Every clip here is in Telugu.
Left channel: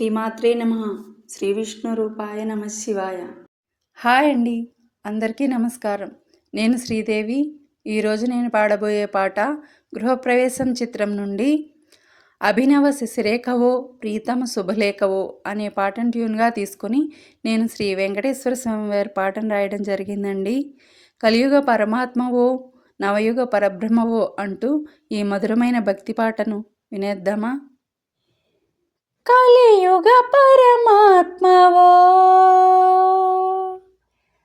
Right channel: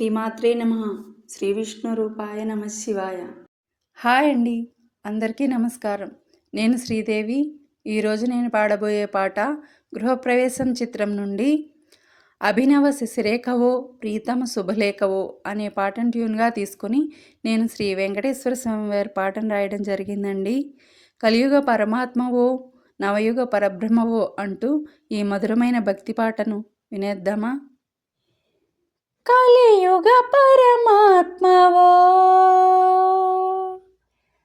శ్రీమాత్రే నమః. శ్రీ విష్ణు రూపాయ నమ శివాయ. హాయ్ అండి, అందరికీ నమస్కారం. నేను శ్రీదేవి. ఈరోజు నేను పాడబోయే పాట గృహప్రవేశం చిత్రం నుండి అభినవ శశిరేఖవో ప్రీతమ శుభలేఖవో అనే పాటను ట్యూన్గా తీసుకుని నేను శ్రీ వెంకటేశ్వర స్వామి వారి పాటను రాయడం జరిగిందండి. కలియుగ పరమాత్మవో నవయుగ పరబ్రహ్మవో అంటూ ఈ మధురమైన భక్తి పాటను వినేద్దామా? కలియుగ పరమాత్మవో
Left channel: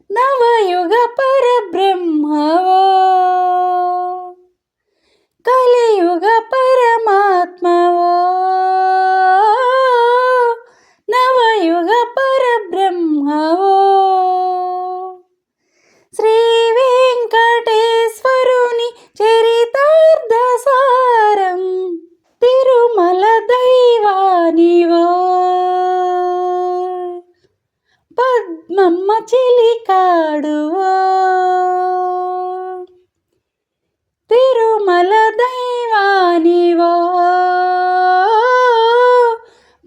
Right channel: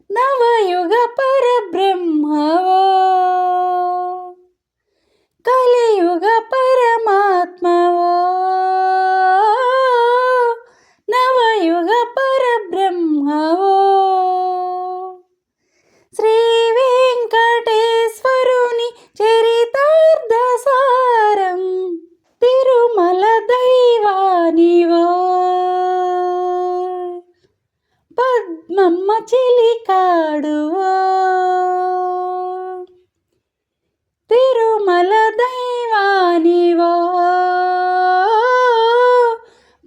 నవయుగ పరబ్రహ్మవో, కలియుగ పరమాత్మవో నవయుగ పరబ్రహ్మవో, శ్రీ వెంకటేశ్వరుని చరితార్థసారం తిరుమల దైవానివో, పద్మమ్మ చిలికాడువో, తిరుమల దైవానివో,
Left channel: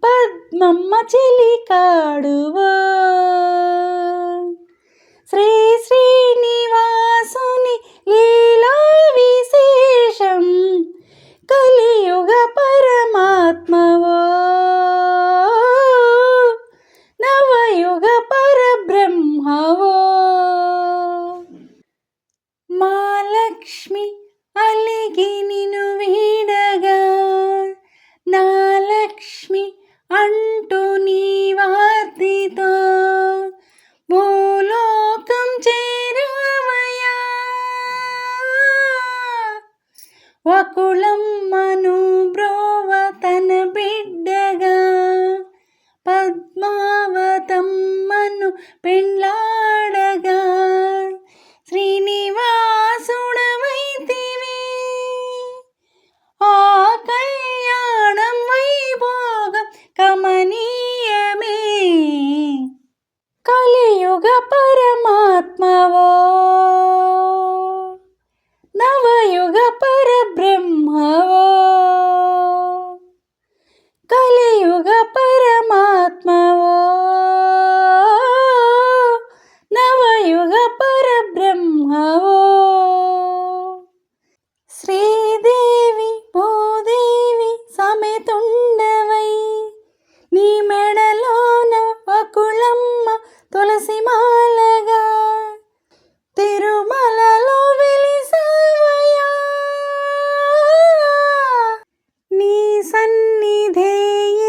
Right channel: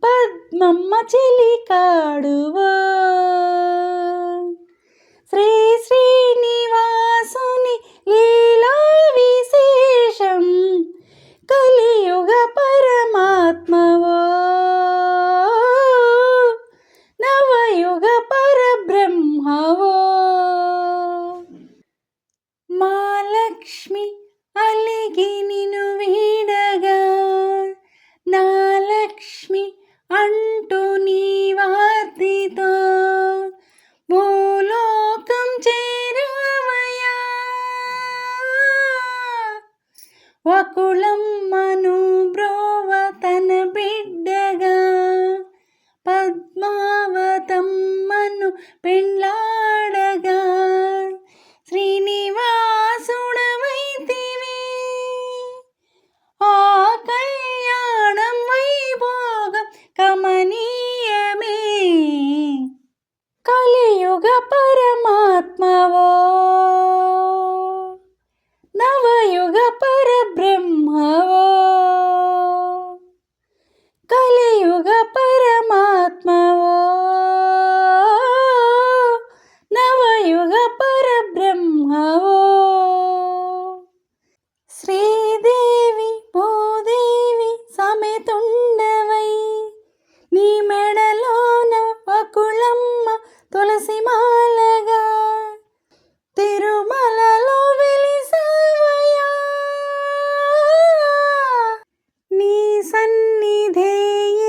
పద్మమ్మ చిలికాడువో, శ్రీ శ్రీనివాసుని లీలా విశేషం కలియుగ పరమాత్మవో నవయుగ పరబ్రహ్మవో, మా లక్ష్మి అలిగి నిను వీడగా నా లక్ష్మి అంటూ నీ వార్తితో భూలోకం చేరావయ్యా, వకుళమ్మను బ్రోవ తన బిడ్డగా పద్మావతమ్మను పెండ్లాడగా శ్రీనివాసుడవైతివి, ఆ కళ్యాణం వైభోగం కమనీయమే, కలియుగ పరమాత్మవో నవయుగ పరబ్రహ్మవో, కలియుగ పరమాత్మవో నవయుగ పరబ్రహ్మవో, శ్రీదేవి భూదేవి సమేతుండవై నీ మెడలోన వకుళమ్మ తులసి మాలగా తిరుమలలో వెలిసావయ్యా, నీ సన్నిధే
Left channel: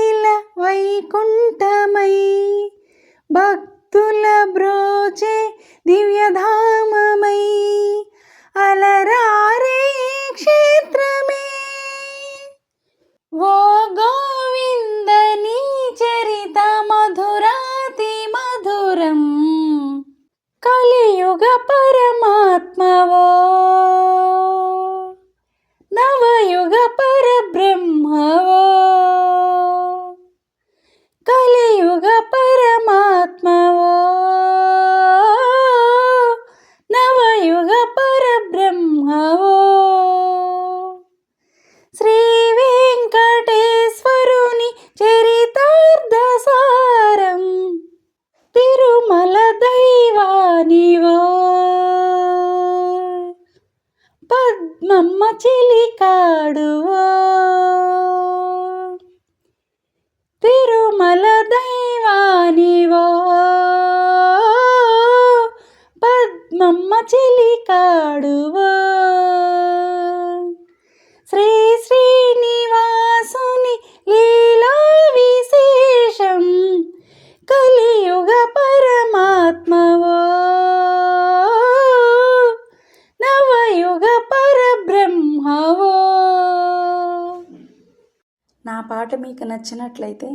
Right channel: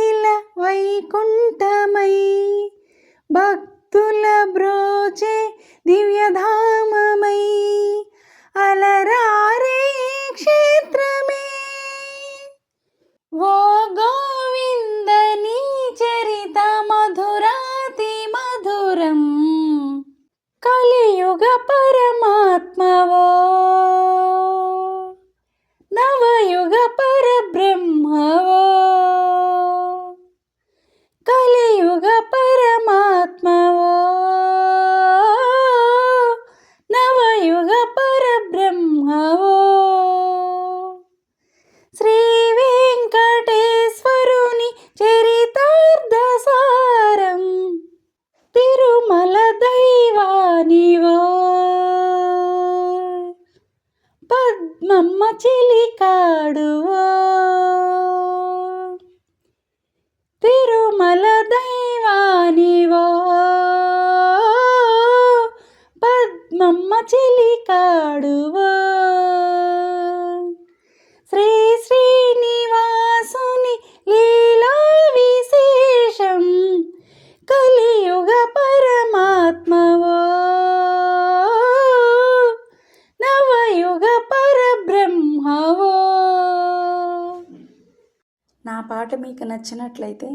ఇలా వైకుంఠమై భక్తుల బ్రోచే దివ్యధామమై అలరారే ఈ క్షేత్రమే, ఓ గోవింద నీ చరిత మధురాతి మధురం, కలియుగ పరమాత్మవో నవయుగ పరబ్రహ్మవో, కలియుగ పరమాత్మవో నవయుగ పరబ్రహ్మవో, శ్రీ వెంకటేశ్వరుని చరితార్థసారం తిరుమల దైవానివో, పద్మమ్మ చిలికాడువో, తిరుమల దైవానివో, పద్మమ్మ చిలికాడువో, శ్రీ శ్రీనివాసుని లీలా విశేషం కలియుగ పరమాత్మవో నవయుగ పరబ్రహ్మవో. నా పాట మీకు నచ్చినట్లయితే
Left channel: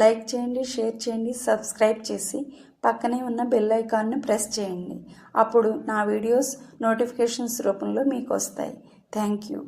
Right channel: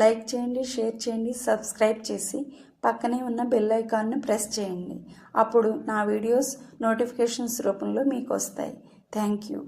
లైక్ చేయండి, షేర్ చేయండి, సబ్స్క్రైబ్ చేసి పక్కనే ఉన్న బెల్ ఐకాన్ను ప్రెస్ చేయండి. అప్పుడు నా వీడియోస్ నోటిఫికేషన్స్ రూపంలో మీకు వస్తాయి. Thank you.